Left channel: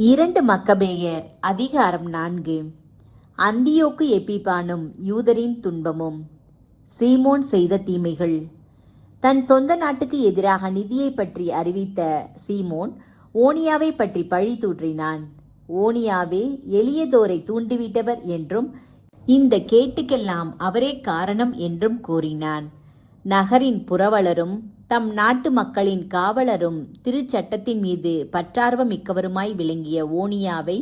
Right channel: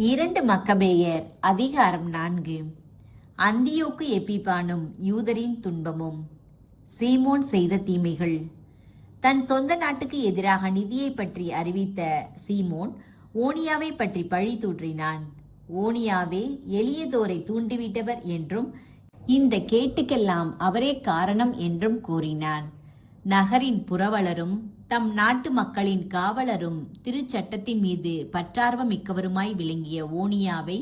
2 மக்கபேயர் அதிகாரம் 4. அந்தியோக்கு எப்பிபானும் யூதரின் துன்பமும். சீமோன் செய்த தீமைகள். தன் சொந்த நாட்டுக்கு எதிராக நிதியை பற்றி அறிவித்த சீமோன் ஓனியாவை பற்றி பழி தூற்றினான். ஓனியாவே எளியதோரை தூண்டிவிட்டவர் என்றும் இந்த கேட்டுக்கெல்லாம் அவரே காரணம் என்றும் கூறினான். நகரின் புரவலரும் தம் நாட்டு மக்களின் காவலரும் திருச்சட்டத்தின் மீது பற்றார்வம் மிக்கவருமாய் விளங்கிய ஓனியாவை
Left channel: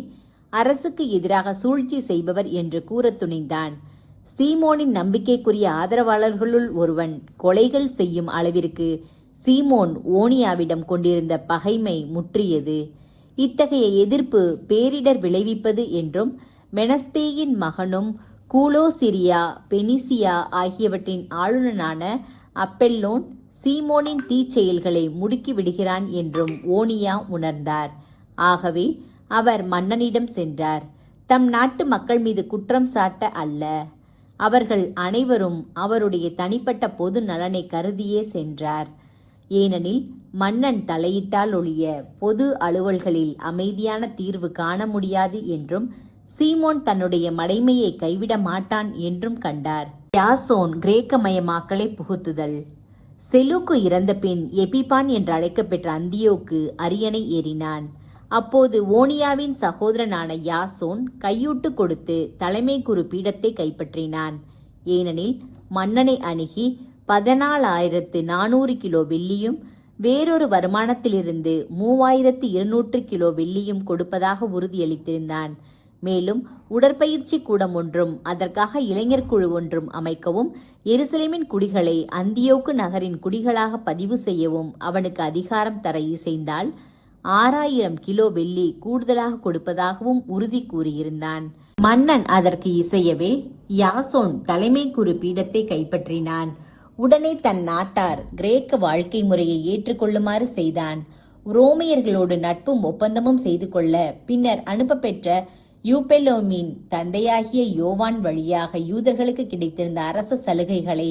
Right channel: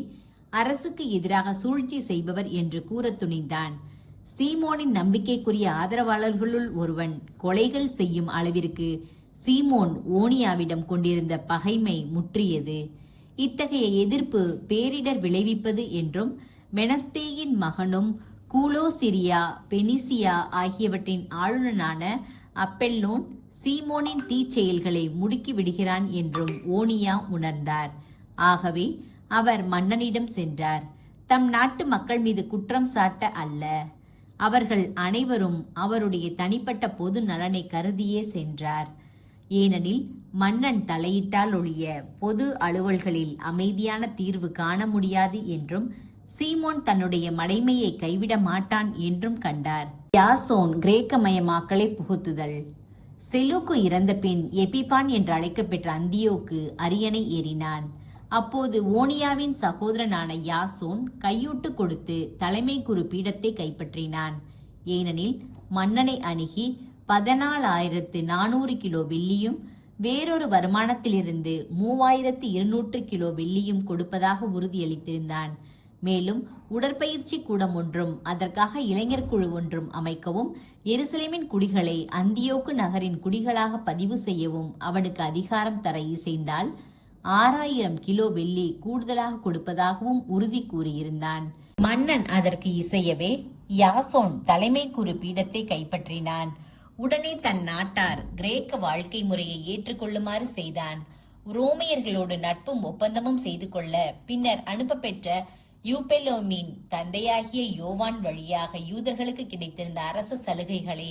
அரசுக்கு எதிராக சூழ்ச்சி செய்பவர் என்று கூறத் துணிந்தான். சீமோனின் நம்பிக்கைக்குரிய ஆதரவாளர்களுள் ஒருவன் கொலைகள் செய்யும் அளவிற்கு சீமோன் ஓனியாவிடம் கொண்டிருந்த பகைமை முற்றியது. இத்தகைய எதிர்ப்பு பேரிடர் விளைவிப்பது என்றும் மெனஸ்தேயின் மகனும் கூலோசிரியா பெனிசியா ஆகியவற்றின் ஆளுநனான அப்பெல்லோன் சீமோனின் தீச்செயல்களை முடுக்கி விடுகிறான் என்றும் ஓனியா உணர்ந்தார். ஆகவே அவர் மன்னனிடம் சென்றார். தம் நாட்டு மக்கள் மீது குற்றம் சாட்ட அல்ல, அவர்கள் அனைவரும் அவருடைய தனிப்பட்ட பொது நலனை கருதியே சென்றார். ஏனெனில் மன்னன் தலையிட்டால் ஒழிய பொது அலுவல்களில் அமைதியான தீர்வு காண முடியாது என்றும் சீமோன் தன்னுடைய மடைமையை கைவிட மாட்டான் என்றும் கண்டார். யாசோன் கிரேக்கமயமாக்கலை புகுத்துதல். செலூக்கு இறந்த பின் எப்பிபான் என்று அழைக்கப்பெற்ற அந்தியோக்கு அரியணை ஏறினான். அப்போது ஓனியாவின் சகோதரனான யாசோன் கையூட்டு கொடுத்து தலைமை குரு பீடத்தை கைப்பற்றினான். ஏனெனில் மன்னனை அணுகி 14,400 கிலோ வெள்ளியும் வேறொரு வருமானத்திலிருந்து 3,200 கிலோ வெள்ளியும் கொடுப்பதாக உறுதியளித்திருந்தான். மேலும் உடற்பயிற்சி கூடம் ஒன்றும் அதற்காக இளைஞர் குழு ஒன்றும் அமைக்கவும் எருசலேமின் குடிகளை அந்தியோக்கு நகரின் குடிகளாக பதிவு செய்யவும் அவனுக்கு அதிகாரம் தர இசைந்தால் 6,000 கிலோ வெள்ளி கூடுதலாக கொடுப்பதாகவும் உறுதி கூறியிருந்தான். மன்னன் அதற்கு இசையவே யாசோன் தலைமை குரு பீடத்தை கைப்பற்றினான். உடனே தன் நாட்டார் கிரேக்க வாழ்க்கை முறையை ஏற்றுக்கொள்ளுமாறு செய்தான். ரோமையர்களோடு நட்பும் ஒப்பந்தமும் செய்து கொள்ள பின்னர் அனுப்ப பெற்ற யூபெலோமின் தந்தையாகிய யோவான் வழியாக யூதர்களுக்கு கிடைத்திருந்த அரச சலுகைகளை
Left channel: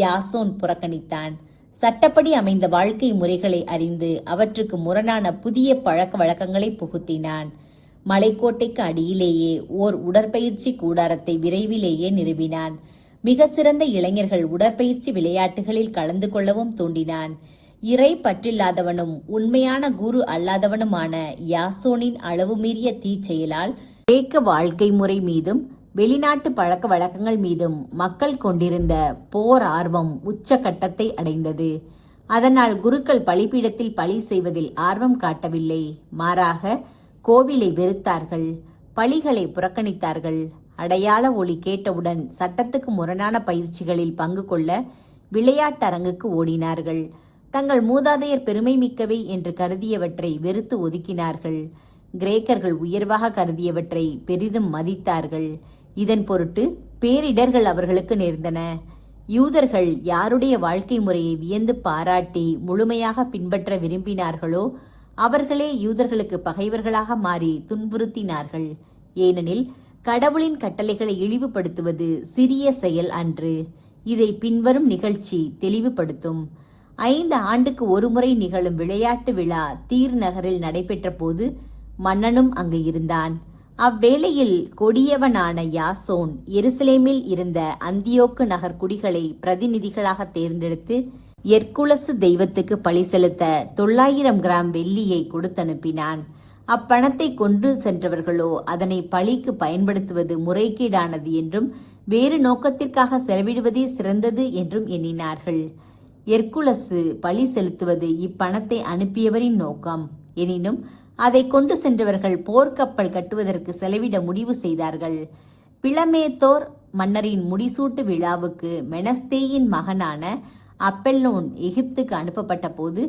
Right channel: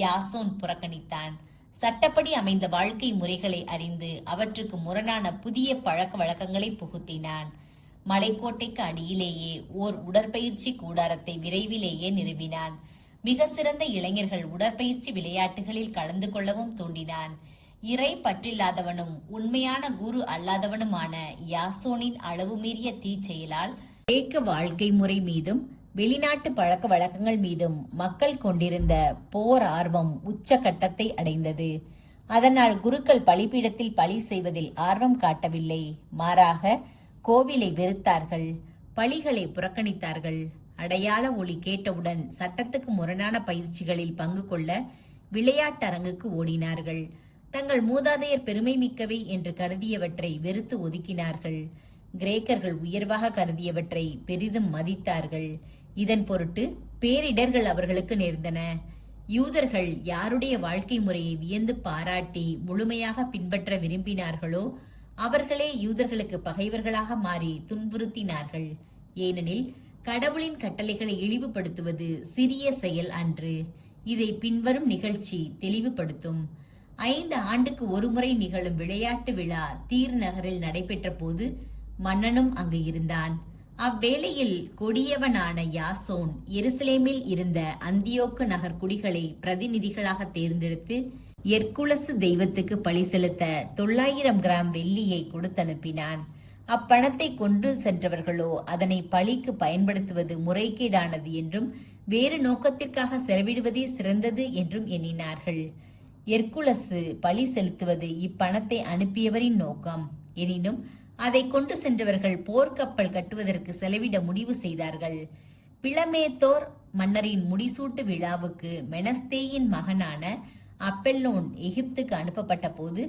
யாசோன் புறக்கணித்தான். சட்டப்படி அமைந்த வாழ்க்கை முறைகளை அறிந்து அவற்றுக்கு முரணான புதிய பழக்க வழக்கங்களை புகுத்தினான். மலைக்கோட்டைக்கு அடியிலேயே ஓர் உடற்பயிற்சி கூடாரத்தை விரைவிலேயே நிறுவினான். மிக சிறந்த இளைஞர்கள் உடற்பயிற்சி விளையாட்டுகளில் கலந்து கொள்ளவும் தூண்டினான். இறை பற்றில்லாதவனும் உண்மையான குரு அல்லாதவனுமான யாசோனின் அளவு மீறிய தீச்செயலால் கிரேக்க வாழ்க்கை முறை மீதும் வெளிநாட்டு பழக்க வழக்கங்கள் மீதும் மக்கள் கொண்டிருந்த போர் ஆர்வம் உச்சகட்டத்தை அடைந்தது. அதனால் குருக்கள் பலிபீடத்தில் பலி செய்வதில் ஆர்வம் காட்டவில்லை. மாறாக கோவிலை வெறுத்தார்கள், பலிகளை புறக்கணித்தார்கள். அடையாள ஒளி கேட்டவுடன் சட்டத்துக்கு முரணான பயிற்சிகளில் பங்கு கொள்ள விளையாட்டரங்குக்கு ஓடினார்கள். தங்கள் மூதாதையர் பெருமை மிக்கவை என்று கருதியவற்றை வெறுத்து ஒதுக்கினார்கள். கிரேக்கர்கள் உயர்வாக கருதியவற்றை பெரிதும் மதித்தார்கள். இதன் பொருட்டு பேரிடர்கள் அவர்களுக்கு நேர்ந்தன. யூதர்கள் யாருடைய வாழ்க்கை முறையை வியந்து பாராட்டி முழுமையாக பின்பற்ற விரும்பினார்களோ அவர்களே யூதர்களுக்கு பகைவர்களாக மாறி துன்புறுத்தினார்கள். ஏனெனில் கடவுளின் கட்டளைகளை இழிவுபடுத்துவது சிறிய செயல் அன்று. இதை பின்வரும் நிகழ்ச்சி தெளிவுபடுத்தும். 5 ஆண்டுக்கு ஒருமுறை நிகழும் விளையாட்டு விழா தீர் நகரில் நடைபெற்ற போது மன்னனும் அங்கு இருந்தான். அவ்வேளையில் கொடியவனான யாசோன் எருசலேமில் இருந்த அந்தியோக்கு நகர் குடிகளை பிரதிநிதிகளாக தேர்ந்தெடுத்து எர்குலசு தெய்வத்துக்கு பழி செலுத்த 900 கிராம் வெள்ளியை கொடுத்தனுப்பினான். அப்பணத்தை கொண்டு சென்றவர்களோ அதனை பழிக்கு பயன்படுத்துவது முறைகேடானது என்றும் வேறு நோக்கத்திற்காக செலவிடுவதே சிறந்தது என்றும் எண்ணினார்கள். எர்குலசு பழி செலுத்துவது இப்பணத்தை அனுப்பியவரின் நோக்கம். எனினும் அதை கொண்டு சென்றவர்கள் போர்க்கப்பல் கட்டுவதற்கு செலவிட முடிவு செய்தார்கள். பிளமேத்தோர் மன்னரின் முடிசூட்டு விழாவுக்கு மெனஸ்தேயின் மகனான அப்பெல்லோன் எகிப்துக்கு அனுப்பப்பட்ட போது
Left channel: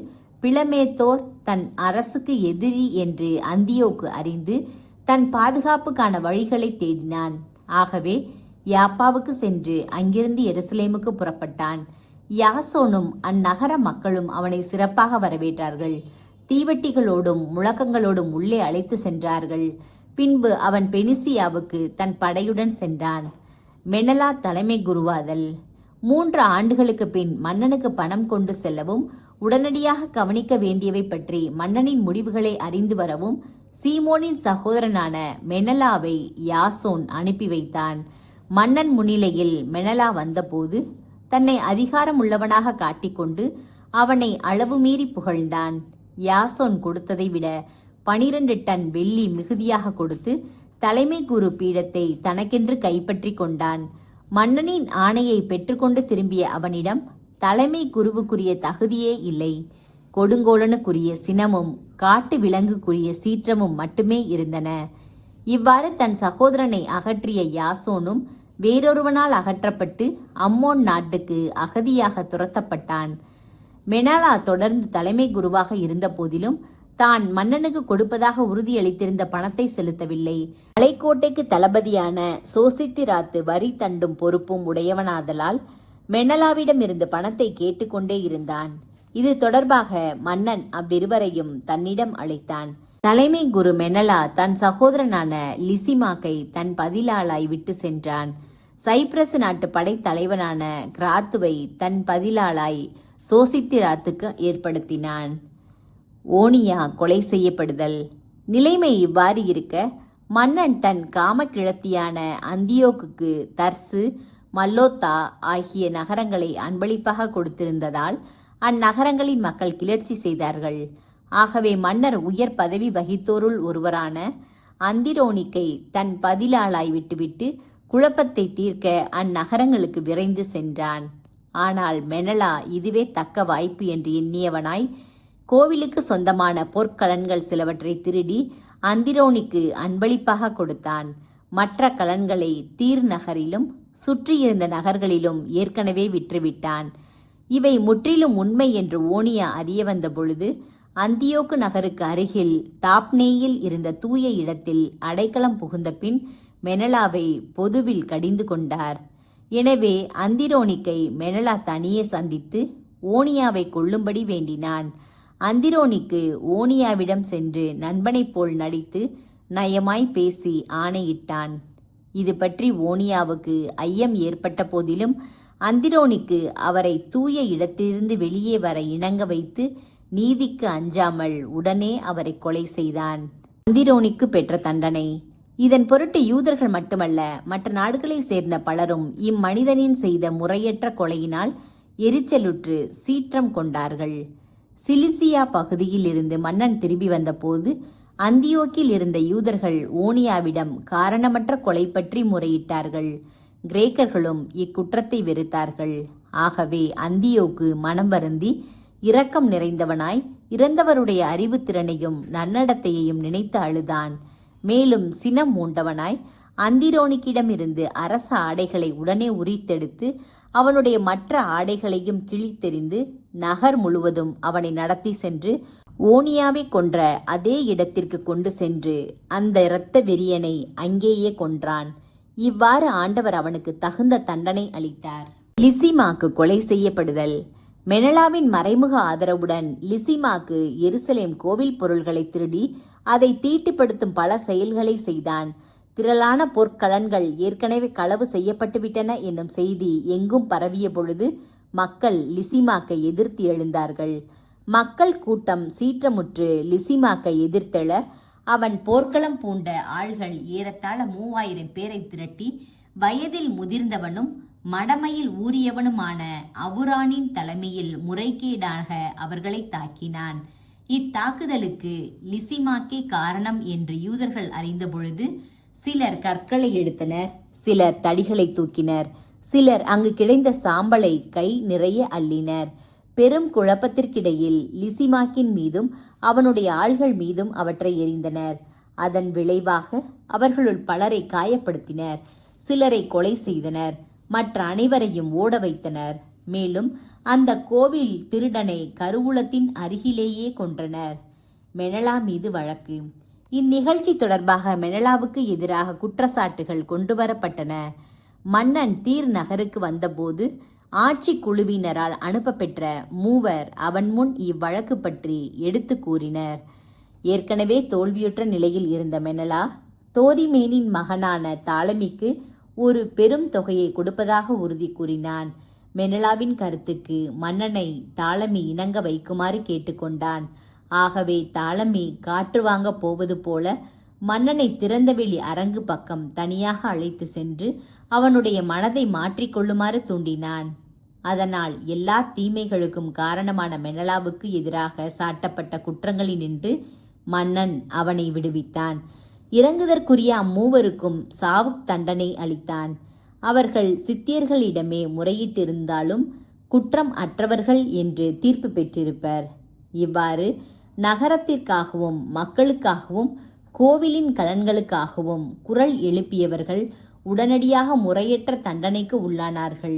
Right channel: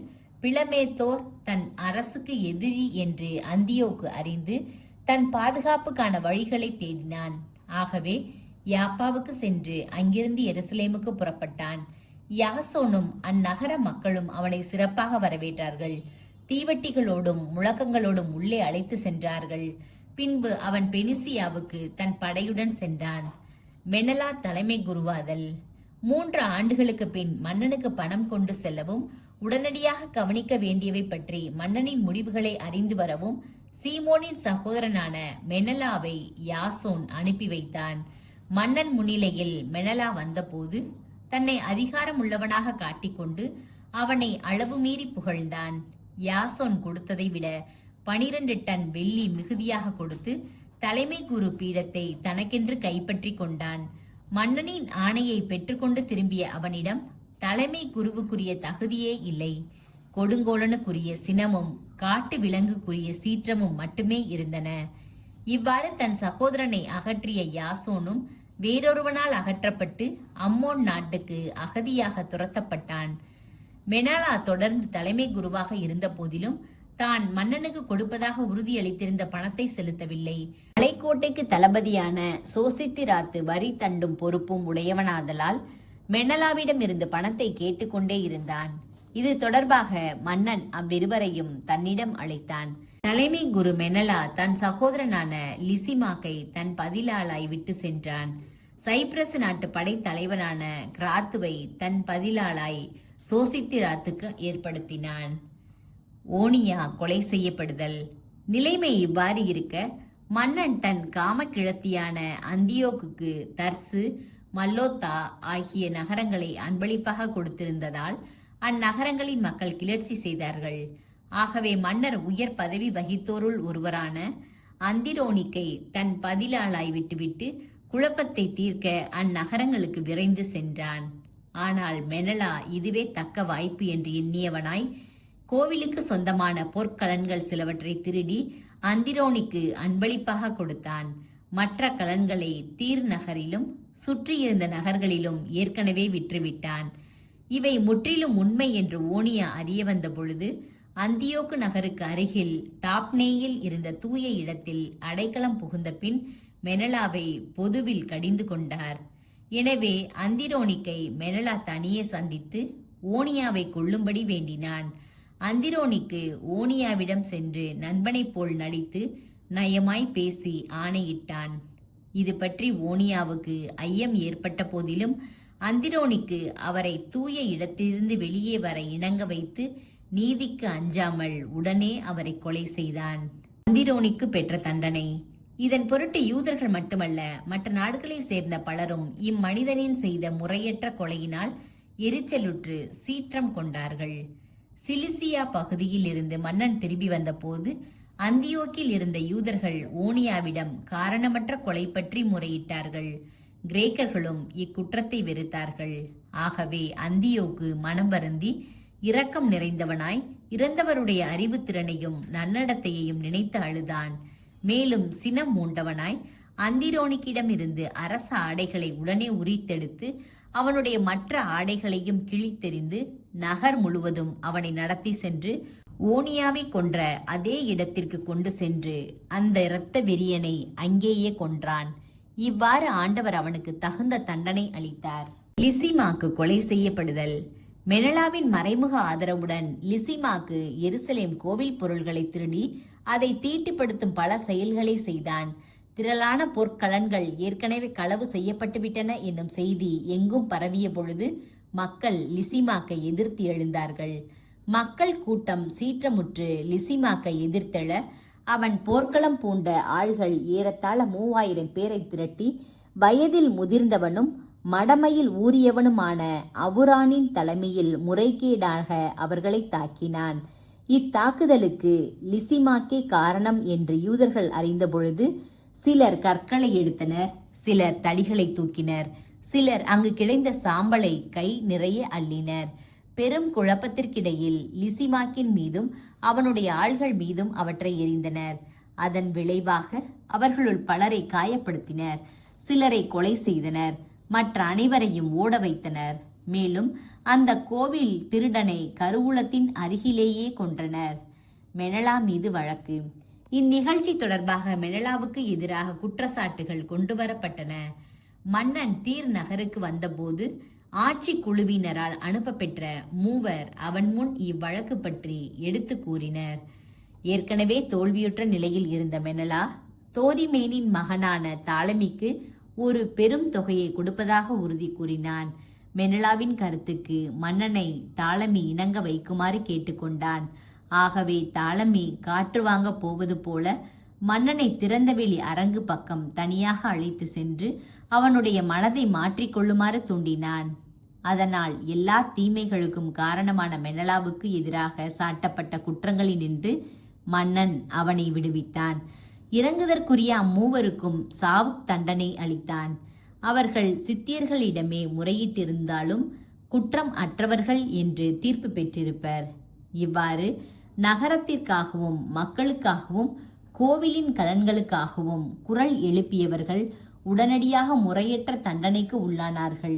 பிளமேத்தோர் தன் அரசுக்கு எதிரி என்று அந்தியோக்கு அறிந்து தன் பாதுகாப்புக்கான வழிகளை தேடினான். ஆகவே யாப்பாவுக்கு சென்று அங்கிருந்து எருசலேமுக்கு புறப்பட்டான். யாசோனும் அந்நகர மக்களும் அவனை சிறப்பாக வரவேற்றார்கள். தீவட்டிகளோடும் முழக்கங்களோடும் உள்ளே அழைத்து சென்றார்கள். பின்பு அவன் பெனிசியாவுக்கு தன் படையுடன் சென்றான். மெனலா தலைமை குருவாதல். 3 ஆண்டுகளுக்கு பின் மன்னனுக்கு பணம் கொண்டு செல்லவும் உடனடியாக கவனிக்க வேண்டியவை பற்றி மன்னனின் முடிவுகளை அறிந்து வரவும் சீமோனின் சகோதரனான மெனலாவை யாசோன் அனுப்பி வைத்தான். மன்னன் முன்னிலையில் மெனலா வந்தபோது தன்னை அதிகாரம் உள்ளவனாக காட்டிக்கொண்டு அவனை அளவு மீறி புகழ்ந்தான். யாசோன் கொடுத்ததை விட 12 டன் வெள்ளி மிகுதியாக கொடுத்து தலைமை குரு பீடத்தை தனக்கென்று கைப்பற்றி கொண்டான். மன்னனின் ஆணையை பெற்றுக்கொண்டு திரும்பிய அவனிடம் தலைமை குருவுக்குரிய தகுதியே இல்லை. கொடுங்கோலனுக்குரிய சினமும் காட்டு விலங்குக்குரிய சீற்றமும் மட்டுமே இருந்தன. இவ்வாறு தன் சகோதரனை அகற்றிய யாசோனும் வேறொருவனால் அகற்றப்பட்டு அம்மோன் நாட்டுக்கு அகதியாக துரத்தப்பட்டான். மெனலா தொடர்ந்து தலைமை குருவாக இருந்த போதிலும் தான் மன்னனுக்கு கொடுப்பதாக உறுதியளித்திருந்த பணத்தை செலுத்தவில்லை. மலைக்கோட்டைக்கு தளபதியான சோசித்திராத்து வரி தண்டும் பொறுப்பும் உடையவனாதலால் மெனலாவிடம் இருந்து பணத்தை கேட்டுக்கொண்டே இருந்தான். இது தொடர்பாக மன்னன் அவ்விருவரையும் தன்னிடம் அழைத்தான். தலைமை குரு மெனலா தன் சகோதரனான லிசிமாக்கை தன் பதிலாளாய் விட்டு சென்றான். சைப்ரஸ் நாட்டு படைத்தலைவனான கிராத்துவை தன் பதிலாளாய் சோசித்திராத்துக்கு ஏற்படுத்தினான். ஓனியா கொலை செய்யப்படுதல். நிலைமை இவ்வாறு இருக்க மன்னன் தன் காமக்கிழத்தியான அந்தியோக்குக்கு தர்சு, மல்லோத்தா ஆகிய நகரங்களை அன்பளிப்பாக கொடுத்திருந்ததால் அந்நகரங்களின் மக்கள் கிளர்ச்சி செய்தார்கள். ஆகவே மன்னர் உயர் பதவி வகித்தோருள் ஒருவரான அந்திரோனிக்கை தன் பதிலாளாய் விட்டுவிட்டு குழப்பத்தை தீர்க்க அந்நகரங்களுக்கு விரைந்து சென்றான். ஆனால் மெனலா இதுவே தக்க வாய்ப்பு என்று எண்ணியவனாய் கோவிலுக்கு சொந்தமான பொற்கலன்கள் சிலவற்றை திருடி அந்திரோனிக்கு அன்பளிப்பாக கொடுத்தான். மற்ற கலன்களை தீர் நகரிலும் சுற்றியிருந்த நகர்களிலும் ஏற்கனவே விற்றுவிட்டான். இவை முற்றிலும் உண்மை என்று ஓனியா அறிய வந்த பொழுது அந்தியோக்கு நகருக்கு அருகில் தாப்னேயில் இருந்த தூய இடத்தில் அடைக்கலம் புகுந்த பின் மெனலாவை பொதுவில் கடிந்து கொண்டார். எனவே அந்திரோனிக்கை மெனலா தனியே சந்தித்து ஓனியாவை கொல்லும்படி வேண்டினான். அந்திரோனிக்கு ஓனியாவிடம் சென்று நண்பனைப் போல் நடித்து நயமாய் பேசி ஆணையிட்டான். இது பற்றி ஓனியாவுக்கு ஐயம் ஏற்பட்ட போதிலும் அந்திரோனிக்கு அவரை தூய இடத்திலிருந்து வெளியே வர இணங்க வைத்து நீதிக்கு அஞ்சாமல் உடனே அவரை கொலை செய்தான். அந்திரோனிக்கு பெற்ற தண்டனை. இதன் பொருட்டு யூதர்கள் மட்டுமல்ல, மற்ற நாடுகளை சேர்ந்த பலரும் இம்மனிதனின் செய்த முறையற்ற கொலையினால் எரிச்சலுற்று சீற்றம் கொண்டார்கள். சிலிசியா பகுதியில் இருந்து மன்னன் திரும்பி வந்தபோது அந்தியோக்கில் இருந்த யூதர்கள் ஓனியாவிடம் காரணமற்ற கொலை பற்றி முறையிட்டார்கள். கிரேக்கர்களும் இக்குற்றத்தை வெறுத்தார்கள். ஆகவே அந்தியோக்கு மனம் வருந்தி இரக்கம் நிறைந்தவனாய் இறந்தவருடைய அறிவுத்திறனையும் நன்னடத்தையையும் நினைத்து அழுதான். மேலும் சினம் மூண்டவனாய் அந்திரோனிக்கிடமிருந்து அரச ஆடைகளை உடனே உரித்தெடுத்து அவனுடைய மற்ற ஆடைகளையும் கிழித்தெறிந்து நகர் முழுவதும் அவனை நடத்தி சென்று ஓனியாவை கொன்ற அதே இடத்திற்கு கொண்டு சென்று அந்த இரத்த வெறியனை அங்கேயே கொன்றான். இவ்வாறு ஆண்டவர் அவனுக்கு தகுந்த தண்டனை அளித்தார். லிசிமாக்கு கொலை செய்யப்படுதல். மெனலாவின் மறைமுக ஆதரவுடன் லிசிமாக்கு எருசலேம் கோவில் பொருள்களை திருடி அதை தீட்டுப்படுத்தும் பல செயல்களை செய்தான். திரளான பொற்கலன்கள் ஏற்கனவே களவு செய்யப்பட்டுவிட்டன என்னும் செய்தி எங்கும் பரவிய பொழுது மக்கள் லிசிமாக்கை எதிர்த்து எழுந்தார்கள். மக்கள் கூட்டம் சீற்றமுற்று லிசிமாக்கை எதிர்த்தெழ அவன் போர்க்களம் பூண்ட ஆள்கள் ஏறத்தாழ 3000 பேரை திரட்டி வயதில் முதிர்ந்தவனும் மடமையில் ஊறியவனுமான அவுரானின் தலைமையில் முறைகேடாக அவர்களை தாக்கினான். இத்தாக்குதலுக்கு லிசிமாக்கே காரணம் என்று யூதர்கள் அறிந்தபொழுது சிலர் கற்களை எடுத்தனர், சிலர் தடிகளை தூக்கினர், சிலர் அங்கு கிடைந்த சாம்பலை கை நிறைய அள்ளினர். பெரும் குழப்பத்திற்கிடையில் லிசிமாக்கின் மீதும் அவனுடைய ஆள்கள் மீதும் அவற்றை எறிந்தனர். அதன் விளைவாக அவர்களுள் பலரை காயப்படுத்தினர், சிலரை கொலை செய்தனர், மற்ற அனைவரையும் ஓட வைத்தனர். மேலும் அந்த கோவில் திருடனை கருவூலத்தின் அருகிலேயே கொன்றனர். மெனலா மீது வழக்கு. இந்நிகழ்ச்சி தொடர்பாக மெனலாவுக்கு எதிராக குற்றச்சாட்டுகள் கொண்டுவரப்பட்டன. மன்னன் தீர் நகருக்கு வந்தபோது ஆட்சி குழுவினரால் அனுப்பப்பெற்ற 3 அவன் முன் இவ்வழக்கு பற்றி எடுத்து கூறினர். ஏற்கனவே தோல்வியுற்ற நிலையில் இருந்த மெனலா தோதிமேனின் மகனான தாலமிக்கு ஒரு பெரும் தொகையை கொடுப்பதாக உறுதி கூறினான். மெனலாவின் கருத்துக்கு மன்னனை தாலமி இணங்க வைக்குமாறு கேட்டுக்கொண்டான். ஆகவே தாலமி காற்று வாங்க போவது போல மன்னனை திறந்தவெளி அரங்கு பக்கம் தனியாக அழைத்து சென்று அவனுடைய மனதை மாற்றிக்கொள்ளுமாறு தூண்டினான். அதனால் எல்லா தீமைகளுக்கும் காரணமான மெனலாவுக்கு எதிராக சாட்டப்பட்ட குற்றங்களினின்று மன்னன் அவனை விடுவித்தான். இறங்குதற்குரிய அம்மூவருக்கும் சாவு தண்டனை அளித்தான். அவர்கள் சித்தியர்களிடமே முறையிட்டிருந்தாலும் குற்றம் அற்றவர்கள் என்று தீர்ப்பு பெற்றிருப்பர். இவ்வாறு நகரத்திற்காகவும் மக்களுக்காகவும் கோவிலின் கலன்களுக்காகவும் குரல் எழுப்பியவர்கள் உடனடியாக முறையற்ற தண்டனைக்கு உள்ளானார்கள்.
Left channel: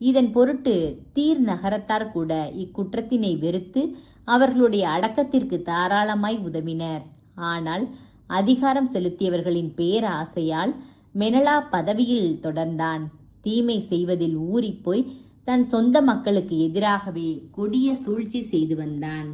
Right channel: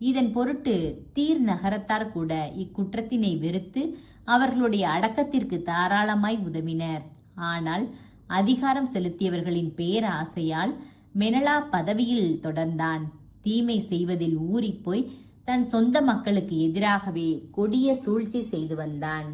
இதன் பொருட்டு தீர் நகரத்தார் கூட இக்குற்றத்தினை வெறுத்து அவர்களுடைய அடக்கத்திற்கு தாராளமாய் உதவினர். ஆனால் அதிகாரம் செலுத்தியவர்களின் பேராசையால் மெனலா பதவியில் தொடர்ந்தான். தீமை செய்வதில் ஊறிப்போய் தன் சொந்த மக்களுக்கு எதிராகவே கொடிய சூழ்ச்சி செய்து வந்தான்.